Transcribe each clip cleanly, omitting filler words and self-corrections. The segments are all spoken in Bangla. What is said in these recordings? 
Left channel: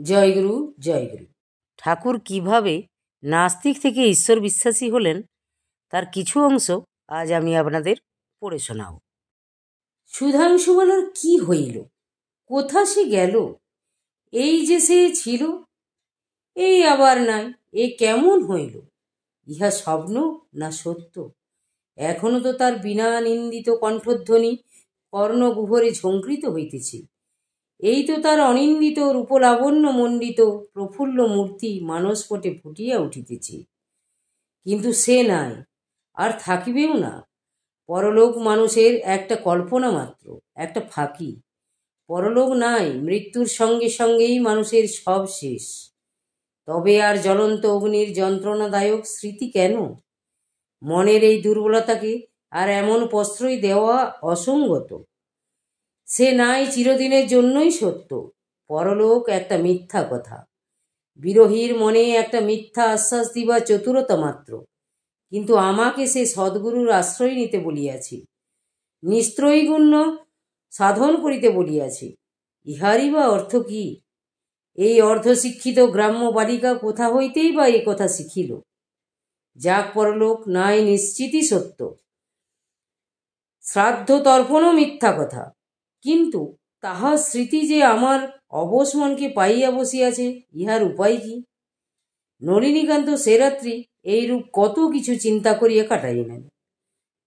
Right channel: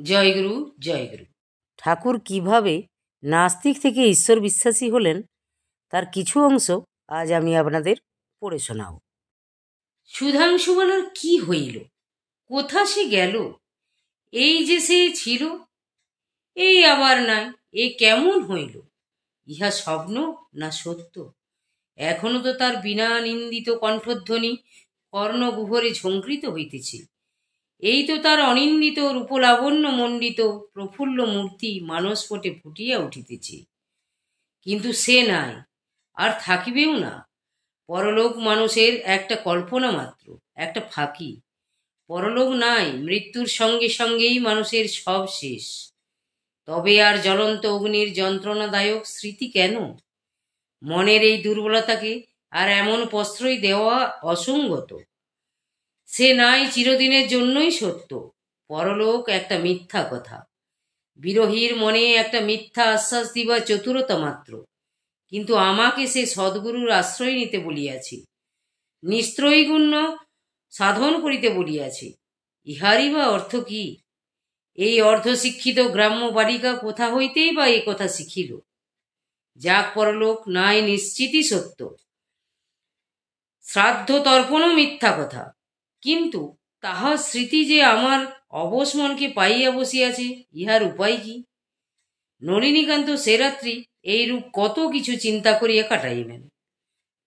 জয়গুরু জয়গুরু। ঠাকুর কিভাবে নাস্তিক থেকে ঈশ্বর বিশ্বাসী হলেন তার কিছু অংশ আজ আমি আপনাদের পড়ে শোনাব। সুধাংশু বলার কি হইল, কোথা সে গেল? এই যে সে ছিল, এই আবার নাই, এ কেমন হইল? ইহা স্বপ্ন না সত্য? এখনো তো তার বিনা নিন্দিত কণ্ঠধ্বনি কর্ণগুহরে ঝঙ্কৃত হইতেছে। এই তো তার অনিন্দিত রূপলাবণ্য মণ্ডিত প্রফুল্ল মূর্তি মানসপটে ফুটিয়া উঠিতেছে। কিন্তু সে নাই, আর থাকিবেও না। পরলোক মানুষের একটা কল্পনা মাত্র, একটা ফাঁকি। পরলোক নাই, মৃত্যুর সঙ্গে সঙ্গেই মানুষের সব শেষ। তবে আর জ্বলন্ত অগ্নির যন্ত্রণাদায়ক স্মৃতি কেন? মনের এই দুর্বলতাকে আর এমন প্রশ্রয় দেওয়া অসঙ্গত। সে নাই চিরদিনের জন্যই সত্য। পরলোক একটা মিথ্যা কথা, বিরোহীর মনে একটা মিথ্যা আশ্বাস দিবা চতুরতা মাত্র। কিন্তু আমাকে সে সদ্গুরুর আশ্রয় নিতে বলিয়াছি, নিস্ত্রৈগুণ্য সাধন করিতে বলিয়াছি। ইহারই বা অর্থ কি? এই অর্ধশিক্ষিত গ্রাম্য বালিকা কোথা হইতেই বা এ কথা শিখিল? যাক, পরলোক নাই নিশ্চিতই সত্য, শ্রাদ্ধ তর্পণও মিথ্যা কথা। কিন্তু তাহার স্মৃতি যে আমার অবশ মনকে পাইয়া বসিয়াছে, ইহার উপায় কি? নলিনীকান্ত সে রাত্রি এইরূপ কত কিছু চিন্তা করিয়া কাটাইলেন।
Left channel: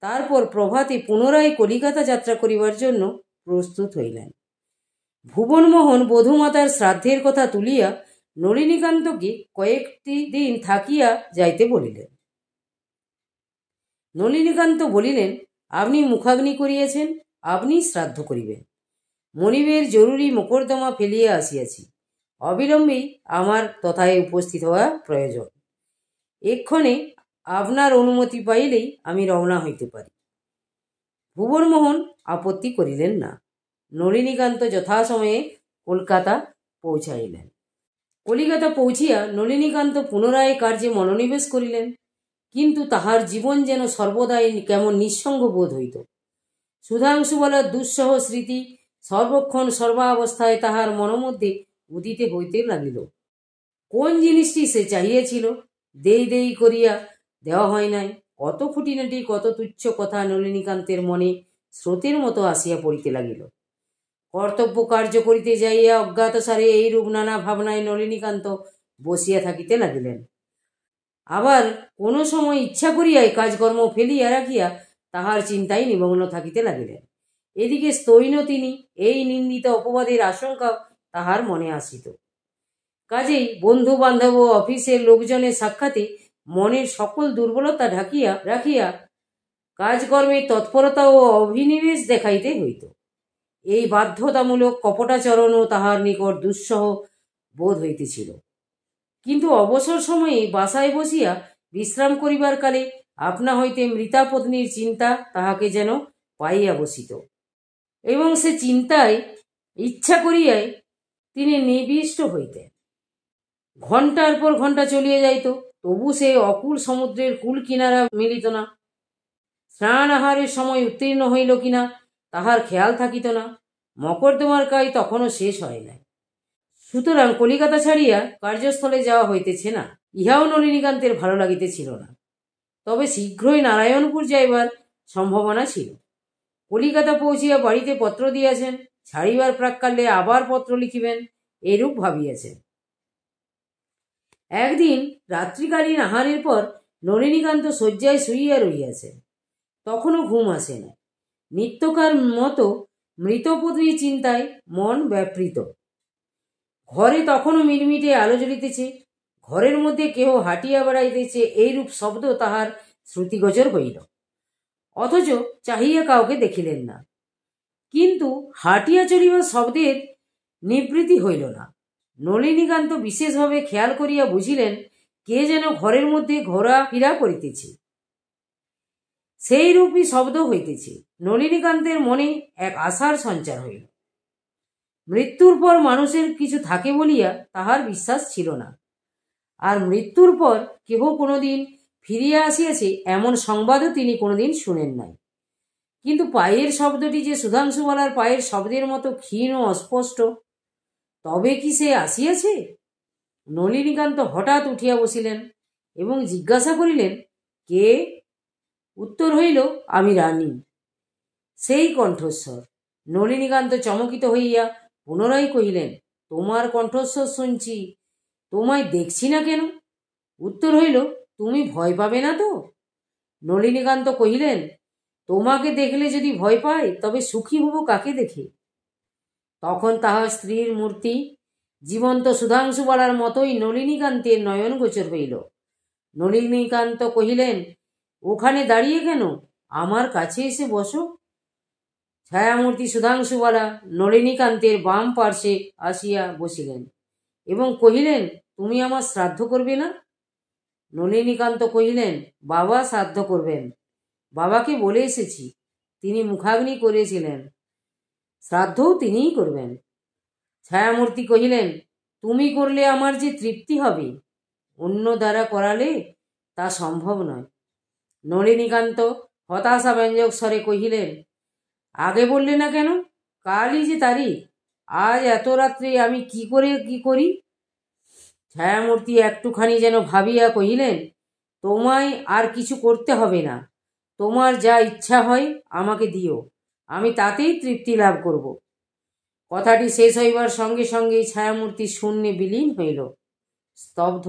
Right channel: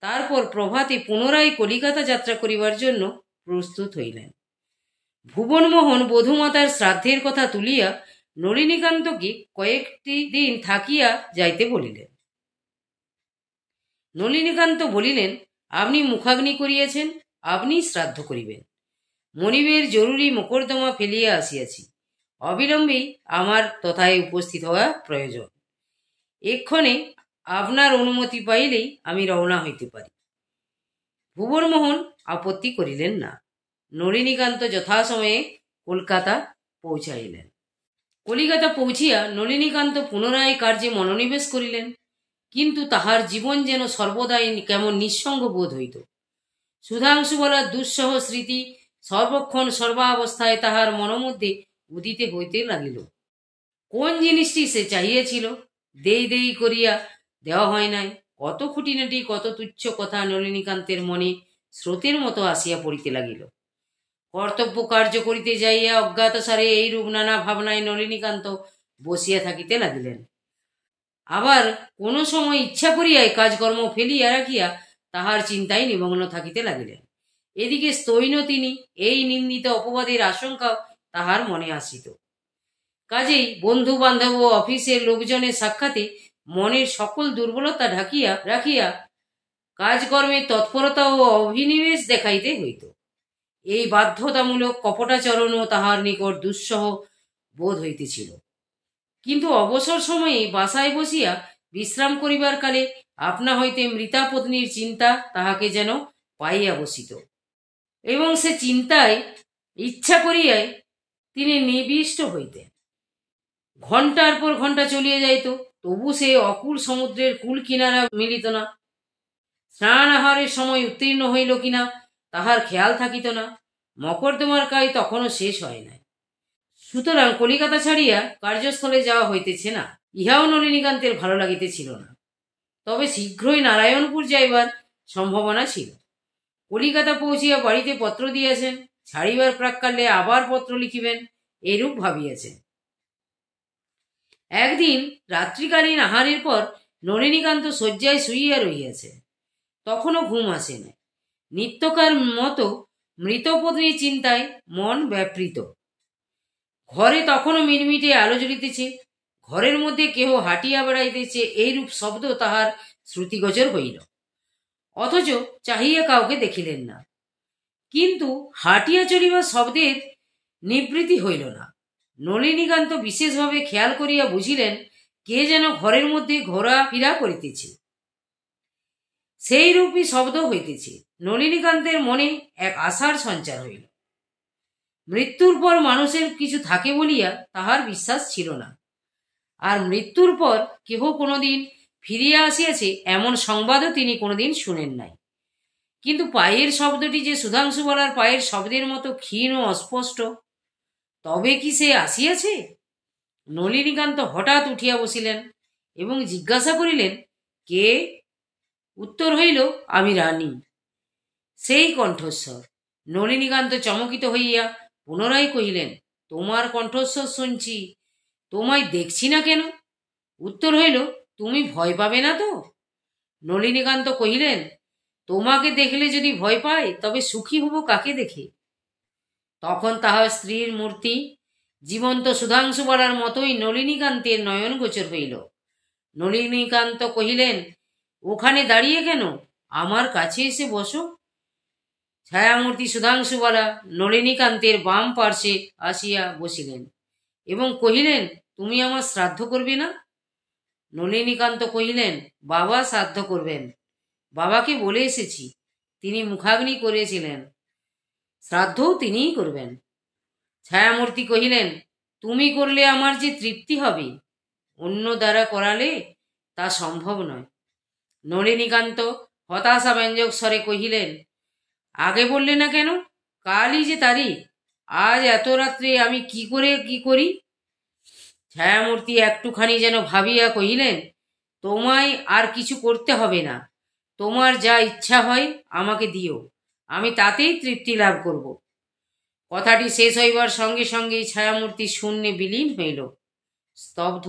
তারপর প্রভাতে পুনরায় কলিকাতা যাত্রা করিবার জন্য প্রস্তুত হইলেন। ভুবনমোহন বধূমাতার শ্রাদ্ধের কথা তুলিয়া নলিনীকান্তকে কয়েকটি দিন থাকিয়া যাইতে বলিলেন। নলিনীকান্ত বলিলেন, আপনি মুখাগ্নি করিয়াছেন, আপনিই শ্রাদ্ধ করিবেন। মনিবের জরুরি মোকদ্দমা ফেলিয়া আসিয়াছি, অবিলম্বেই আমার তথায় উপস্থিত হওয়া প্রয়োজন। এক্ষণে আপনার অনুমতি পাইলেই আমি রওনা হইতে পারি। ভুবনমোহন আপত্তি করিলেন না। নলিনীকান্ত যথাসময়ে কলকাতা পৌঁছাইলেন। কলিকাতা পৌঁছিয়া নলিনীকান্ত পুনরায় কার্যে মনোনিবেশ করিলেন। কিন্তু তাহার জীবন যেন সর্বদাই কেমন নিঃসঙ্গ বোধ হইত। সুধাংশু বলার দুঃসহ স্মৃতি সর্বক্ষণ সর্বাবস্থায় তাহার মনোমধ্যে উদিতে হইতে লাগিল। কোন জিনিসটি সে চাহিয়াছিল, দেই দেই করিয়া দেওয়া হয় নাই। কত খুঁটিনাটি, কত তুচ্ছ কথা নলিনীকান্তের মনে স্রোতের মতো আসিয়া পড়িতে লাগিল। কর্তব্য কার্য করিতে যাইয়া অজ্ঞাতসারে এইরূপ নানা ভাবনায় নলিনীকান্ত বসিয়া থাকিতে লাগিলেন। আবার কোনো সময় ইচ্ছা করিয়াই কাজকর্ম ফেলিয়া রাখিয়া তাহার চিন্তায় নিমগ্ন থাকিতে লাগিলেন। এদিকে স্তৈন তিনি এই নিন্দিত অপবাদের আশঙ্কা তাহার মনে আসিত। কাজেই বন্ধু বান্ধব ও অফিসের লোকজনের সাক্ষাতে মনের সকল দুর্বলতা ঢাকিয়া রাখিয়া কাজকর্মের তৎপরতা ও অভিনিবেশ দেখাইতে হইত। এই বাধ্যতামূলক কপটাচরণও তাহার নিকট দুঃসহ বোধ হইতেছিল। কিন্তু অবসর সময়ে বাসায় বসিয়া বিশ্রাম করিবার কালে আপনা হইতে মৃতা পত্নীর চিন্তা তাহাকে যেন পাইয়া বসিত, এবং সে চিন্তায় ইচ্ছা করিয়াই তিনি নিবিষ্ট হইতেন। ঘণ্টার পর ঘণ্টা চলিয়া যাইত, তবু সেই অকুল সমুদ্রের কুল কিনারা মিলিত না। স্নান আহারের সময় উত্তীর্ণ হইল কিনা তাহার খেয়াল থাকিত না। মকদ্দমার কাজ তখনও শেষ হয় নাই। সুতরাং কলিকাতা ছাড়িয়া কার্যস্থলে যাওয়া হইতেছে না, ইহাও নলিনীকান্তের ভালো লাগিতেছিল না। তবে শীঘ্রই নারায়ণপুর যাইবার সম্ভাবনা ছিল। কলিকাতা পৌঁছিয়া বাড়িতে পত্র দিয়াছেন, ছাড়িবার প্রাক্কালে আবার পত্র লিখিবেন, এরূপ ভাবিয়াছেন। একদিন রাত্রিকালীন আহারের পর নলিনীকান্ত শয্যায় শুইয়া রহিয়াছে। তখনও ঘুম আসে না। নিত্যকার মতো মৃতপত্নীর চিন্তায় মন ব্যাপৃত। ঘরে তখনও মিটমিটে আলো জ্বলিতেছে। ঘরের মধ্যে কেহ হাঁটিয়া বেড়াইতেছে, এইরূপ শব্দ তাহার শ্রুতিগোচর হইল। অথচ চাহিয়া কাউকে দেখিলেন না। কিন্তু হাঁটিয়া চলিবার শব্দের নিবৃত্তি হইল না। নলিনীকান্ত বিশেষভাবে খেয়াল করিয়া বুঝিলেন, কে যেন ঘরের মধ্যে ঘোরাফেরা করিতেছে। সেই রূপই শব্দ হইতেছে। নলিনীকান্তের মনে এক আশার সঞ্চার হইল। মৃত্যুর পর মানুষের কিছু থাকে বলিয়া তাহার বিশ্বাস ছিল না। আর মৃত্যুর পর কেহ কোনোদিন ফিরিয়া আসিয়াছে এমন সংবাদও তিনি কোনোদিন শুনেন নাই। কিন্তু পায়ের শব্দটি যে সুধাংশু বলার পায়ের শব্দের মতো ক্ষীণ ও অস্পষ্ট। তবে কি সে আসিয়াছে? নলিনীকান্ত হঠাৎ উঠিয়া বসিলেন এবং জিজ্ঞাসা করিলেন, কে? উত্তর হইল, আমি রানী। সেই কণ্ঠস্বর। নলিনীকান্ত চমকিত হইয়া পুনরায় কহিলেন, তোমার কণ্ঠস্বর শুনছি, তোমায় দেখছি না কেন? উত্তর হইল, তুমি ভয় পাবে না তো? নলিনীকান্ত কহিলেন, তোমাকে দেখলে যদি ভয় পায় তবে সুখী হব কাকে দেখে? তখন তাহার স্ত্রীর মূর্তি জীবন্ত সুধাংশুবালার মতোই নলিনীকান্তের নয়নগোচর হইল। নলিনীকান্ত কহিলেন, ওখানে দাঁড়িয়ে কেন? আমার কাছে এসে বসো। ছায়ামূর্তি সুধাংশুবালা নলিনীকান্তের বাম পার্শ্বে আসিয়া বসিলেন এবং কহিলেন, তুমি আমার শ্রাদ্ধ করবে না? নলিনীকান্ত কহিলেন, বাবা শ্রাদ্ধ করবেন। বাবাকে বলে এসেছি, তিনি মুখাগ্নি করেছিলেন, শ্রাদ্ধও তিনিই করবেন। ছায়ামূর্তি কহিলেন, তুমি করলে আমার যে তৃপ্তি হবে, অন্য দ্বারা করালে তা সম্ভব নয়। নলিনীকান্ত হতাশাব্যঞ্জক স্বরে কহিলেন, আগে বললে না কেন? কালই যে তারিখ, আজ এত রাত্রে আমি কি করে কি করি? ছায়ামূর্তি একটুখানি যেন ভাবিয়া কহিলেন, তোমায় আর কিছু করতে হবে না, তোমার যা ইচ্ছা হয় আমাকে দিও, আমি তাতেই তৃপ্তি লাভ করব। কথাটি শেষ হইবার সঙ্গে সঙ্গেই ছায়ামূর্তি শূন্যে বিলীন হইল। স্তব্ধ,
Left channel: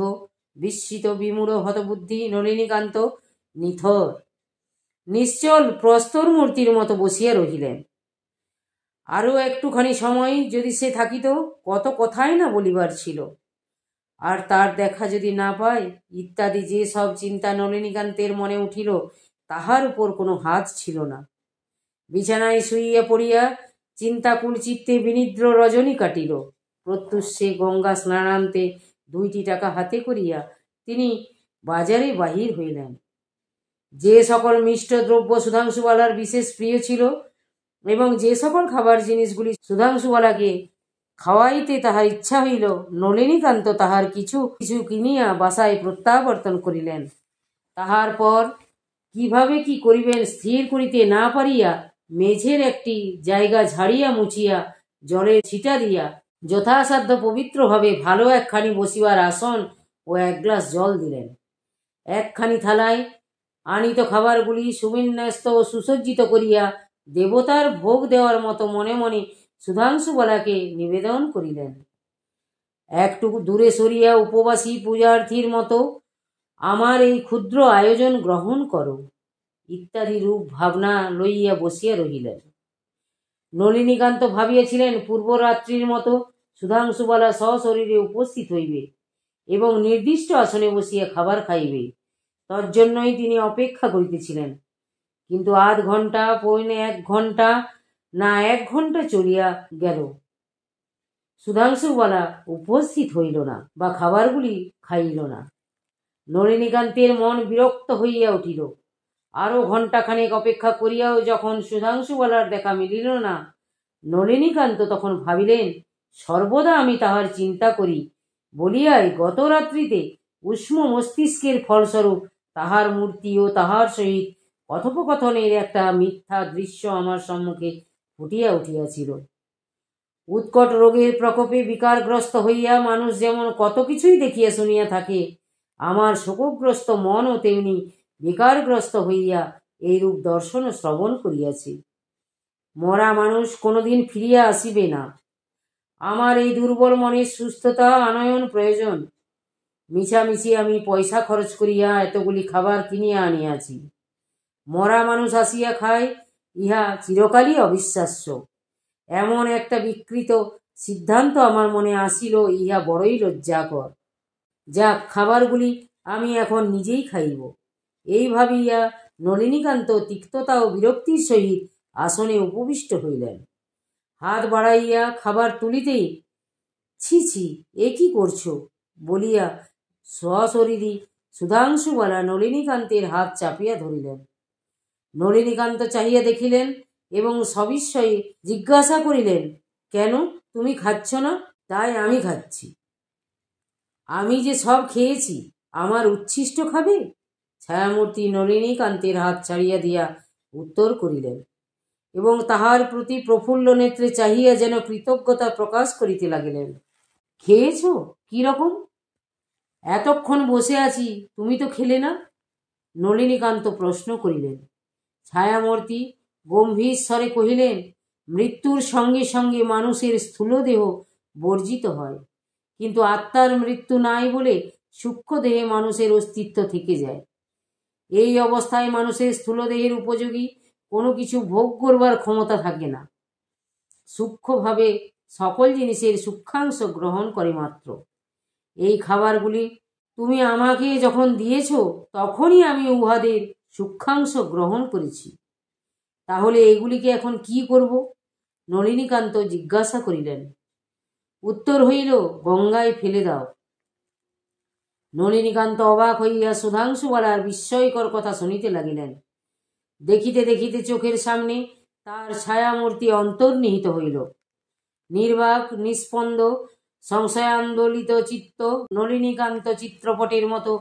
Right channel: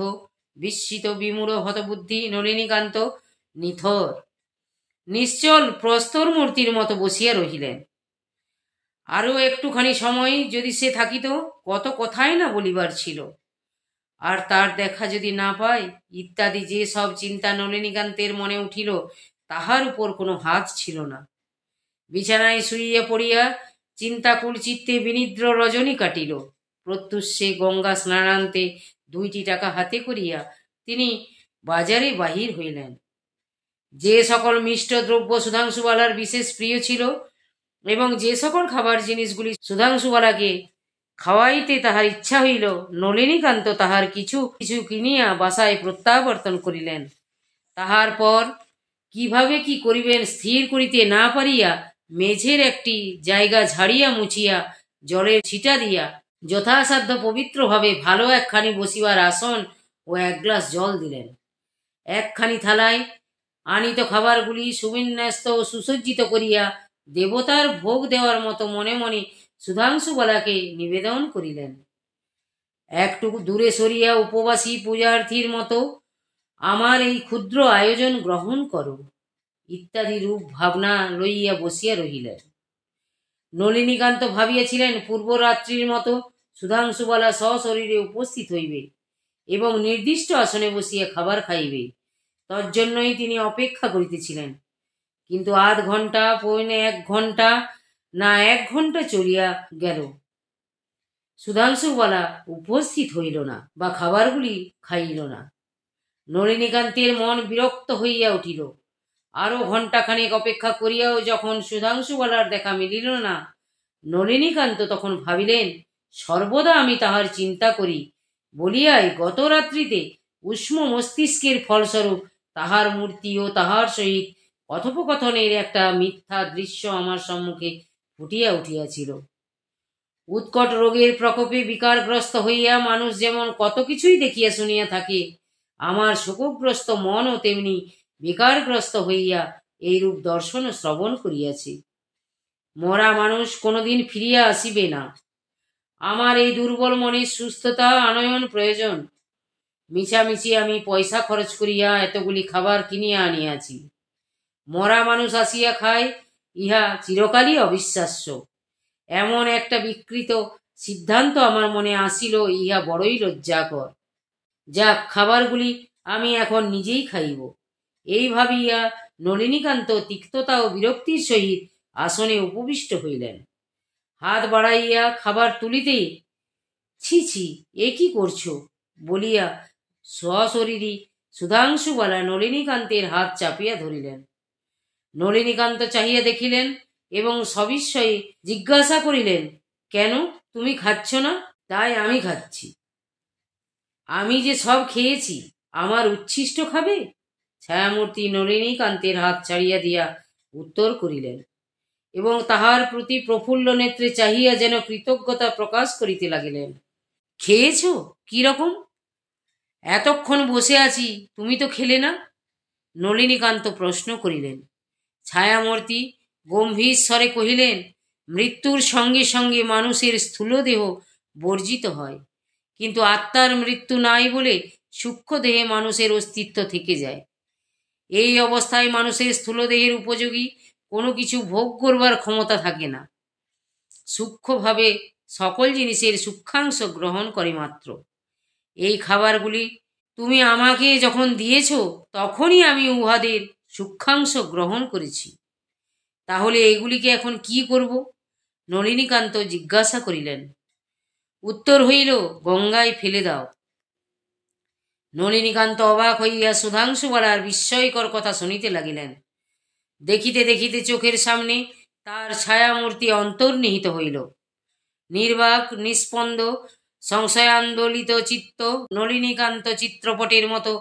বিস্মিত, বিমূঢ় হতবুদ্ধি নলিনীকান্ত নিথর নিশ্চল প্রস্তর মূর্তির মতো বসিয়া রহিলেন। আরও একটুখানি সময় যদি সে থাকিত, কত কথাই না বলিবার ছিল। আর তার দেখা যদি না পায় ইত্যাদি যে সব চিন্তা নলিনীকান্তের মনে উঠিল, তাহার উপর কোনো হাত ছিল না। বিছানায় শুইয়া পড়িয়া চিন্তাকুল চিত্তে বিনিদ্র রজনী কাটিল। প্রত্যুষে গঙ্গা স্নানান্তে 2টি টাকা হাতে করিয়া তিনি বাজারে বাহির হইলেন। যে সকল মিষ্ট দ্রব্য সুধাংশুবালার বিশেষ প্রিয় ছিল এবং যে সকল খাবার জিনিসগুলি সুধাংশুবালাকে খাওয়াইতে তাহার ইচ্ছা হইল, নলিনীকান্ত তাহার কিছু কিছু কিনিয়া বাসায় প্রত্যাবর্তন করিলেন। তাহার পর কিভাবে কি করিবেন স্থির করিতে না পারিয়া মেঝের একটি জায়গা ঝাড়িয়া মুছিয়া জলের ছিটা দিয়া যথাসাধ্য পবিত্রভাবে ভালো একখানি বসিবার আসন ও 1 গ্লাস জল দিলেন। একখানি থালায় আনিত খাবারগুলি সুবিন্যস্ত ও সুসজ্জিত করিয়া দেবতার ভোগ দেওয়ার মতো মনে মনে সুধাংশুবালাকে নিবেদন করিলেন। একটুকু দূরে সরিয়া উপবাসী পূজার্থীর মতো আমার এই ক্ষুদ্র আয়োজন গ্রহণ করো ইত্যাদি রূপ ভাবনা লইয়া বসিয়া রহিলেন। নলিনীকান্ত ভাবিয়াছিলেন, পূর্বরাত্রির মতো সুধাংশুবালা সশরীরে উপস্থিত হইবে এবং নির্দিষ্ট আসনে বসিয়া খাবার খাইবে। তজ্জন্যই তিনি অপেক্ষা করিতেছিলেন। কিন্তু আধ ঘণ্টা, পৌনে 1 ঘণ্টা, না 1 ঘণ্টা চলিয়া গেল, সুধাংশুবালা উপস্থিত হইল না বা খাবারগুলি খাইল না। নলিনীকান্তের মন বিরক্ত হইয়া উঠিল। আরও ঘণ্টাখানেক অপেক্ষা করিয়াও যখন সুধাংশুবালার দেখা মিলিল না, নলিনীকান্ত তখন ভাবিলেন, সর্বদা আমি তাহার চিন্তা করি বলিয়াই গত রাত্রিতে উষ্ণ মস্তিষ্কের ফলস্বরূপ তাহার মূর্তি ও তাহার সহিত কথোপকথনের একটা মিথ্যা দৃশ্য আমার সম্মুখে ফুটিয়া উঠিয়াছিল। উৎকট রোগের প্রকোপে বিকারগ্রস্ত হইয়া মানুষ যেমন কত কিছুই দেখিয়া শুনিয়া থাকে, আমার শোকগ্রস্ত মনও তেমনি বিকারগ্রস্ত হইয়া এইরূপ দর্শন ও শ্রবণ করিয়াছি। মরা মানুষ কোনোদিন ফিরিয়া আসিবে না। আমার এই দুর্বল মনের সুস্থতা আনয়ন প্রয়োজন। মিছামিছি আমি পয়সা খরচ করিয়া এতগুলি খাবার কিনিয়া আনিয়াছি। মরা মানুষ আসিয়া খায়, ইহা চিরকালই অবিশ্বাস্য। এমন একটা বিকৃত সিদ্ধান্ত আমার মনে আসিল, ইহা বড়ই লজ্জাকর। যাক, খাবারগুলি আমি এখন নিজেই খাইব। এই ভাবিয়া নলিনীকান্ত তিক্ততা ও বিরক্তির সহিত আসনে উপবিষ্ট হইলেন। হাত বাড়াইয়া খাবার তুলিতেই, ছি ছি, এ কি করছো বলিয়া সশরীরী সুধাংশুবালা নলিনীকান্তের হাত চাপিয়া ধরিলেন। নলিনীকান্ত চাহিয়া দেখিলেন এবং সবিস্ময়ে জিজ্ঞাসা করিলেন, কেন, তুমি খাচ্ছ না? তাই আমি খাচ্ছি। আমি যে সব খেয়েছি, আমার উচ্ছিষ্ট খাবে? ছায়ামূর্তি নলিনীকান্তের হাত ছাড়িয়া দিয়া উত্তর করিলেন এবং তাহার প্রতি প্রফুল্ল নেত্রে চাহিয়া যেন কৃতজ্ঞতা প্রকাশ করিতে লাগিলেন। খেয়েছো? কি রকম? এতক্ষণ বসে আছি, তুমি তো খেলে না। নলিনীকান্ত প্রশ্ন করিলেন। ছায়ামূর্তি গম্ভীর স্বরে কহিলেন, মৃত্যুর সঙ্গে সঙ্গে মানুষের স্থূলদেহ বর্জিত হয়, কিন্তু আত্মার মৃত্যু নাই বলে সূক্ষ্ম দেহে মানুষের অস্তিত্ব থেকে যায়। এই অবস্থায় মানুষের স্থূলদেহের উপযোগী কোনো কিছু ভোগ করবার ক্ষমতা থাকে না। সূক্ষ্মভাবে সকল জিনিসের সূক্ষ্মাংশ গ্রহণ করে মাত্র। এই খাবারগুলি তুমি আমাকে যখন দিয়েছ, তখনই আমি উহাদের সূক্ষ্মাংশ গ্রহণ করেছি। তাহলে এগুলিকে এখন কি করব? নলিনীকান্ত জিজ্ঞাসা করিলেন। উত্তর হইল, গঙ্গায় ফেলে দাও। নলিনীকান্ত অবাক হইয়া সুধাংশুবালার বিস্ময়কর কথা শুনিতে লাগিলেন। দেখিতে দেখিতে চোখের সামনে তার ছায়ামূর্তি অন্তর্নিহিত হইল। নির্বাক, নিস্পন্দ, সংশয়ান্দোলিত চিত্ত নলিনীকান্ত চিত্রপটের মতো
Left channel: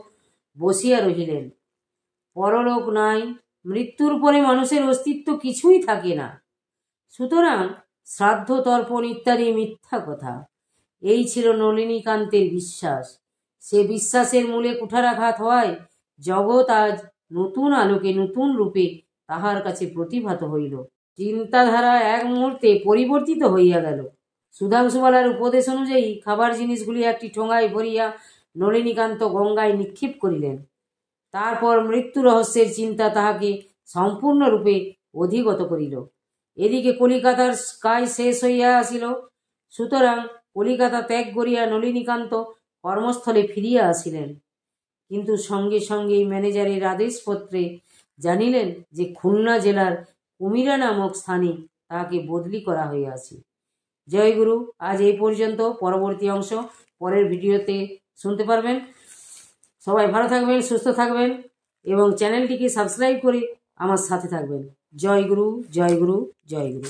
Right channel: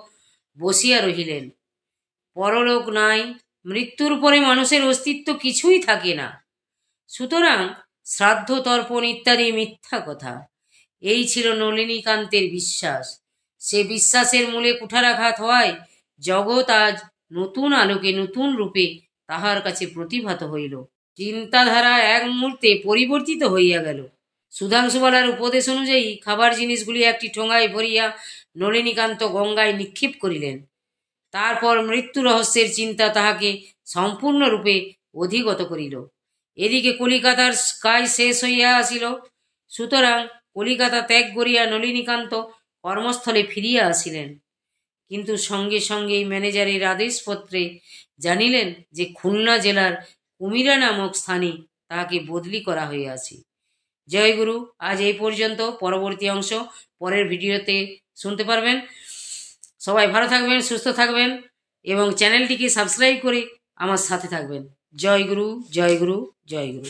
বসিয়া রহিলেন। পরলোক নাই, মৃত্যুর পরে মানুষের অস্তিত্ব কিছুই থাকে না, সুতরাং শ্রাদ্ধ তর্পণ ইত্যাদি মিথ্যা কথা। এই ছিল নলিনীকান্তের বিশ্বাস। সে বিশ্বাসের মূলে কুঠারাঘাত হওয়ায় জগৎ আজ নতুন আলোকে নতুন রূপে তাহার কাছে প্রতিভাত হইল। চিন্তাধারা এক মুহূর্তে পরিবর্তিত হইয়া গেল। সুধাংশুবালার উপদেশ অনুযায়ী খাবার জিনিসগুলি একটি ঠোঙায় ভরিয়া নলিনীকান্ত গঙ্গায় নিক্ষেপ করিলেন। তারপর মৃত্যু রহস্যের চিন্তা তাহাকে সম্পূর্ণরূপে অধিগত করিল। এদিকে কলিকাতার কাজ শেষ হইয়া আসিল, সুতরাং কলিকাতা ত্যাগ করিয়া নলিনীকান্ত কর্মস্থলে ফিরিয়া আসিলেন। কিন্তু সঙ্গে সঙ্গে ম্যানেজারের আদেশপত্রে জানিলেন যে খুলনা জেলার কুমিরা নামক স্থানে তাহাকে বদলি করা হইয়াছে। জয়গুরু, আজ এই পর্যন্ত। পরবর্তী অংশ পরের ভিডিওতে শুনতে পারবেন। সবাই ভালো থাকবেন, সুস্থ থাকবেন এবং চ্যানেলটিকে সাবস্ক্রাইব করে আমার সাথে থাকবেন। জয়গুরু, জয়গুরু, জয়গুরু।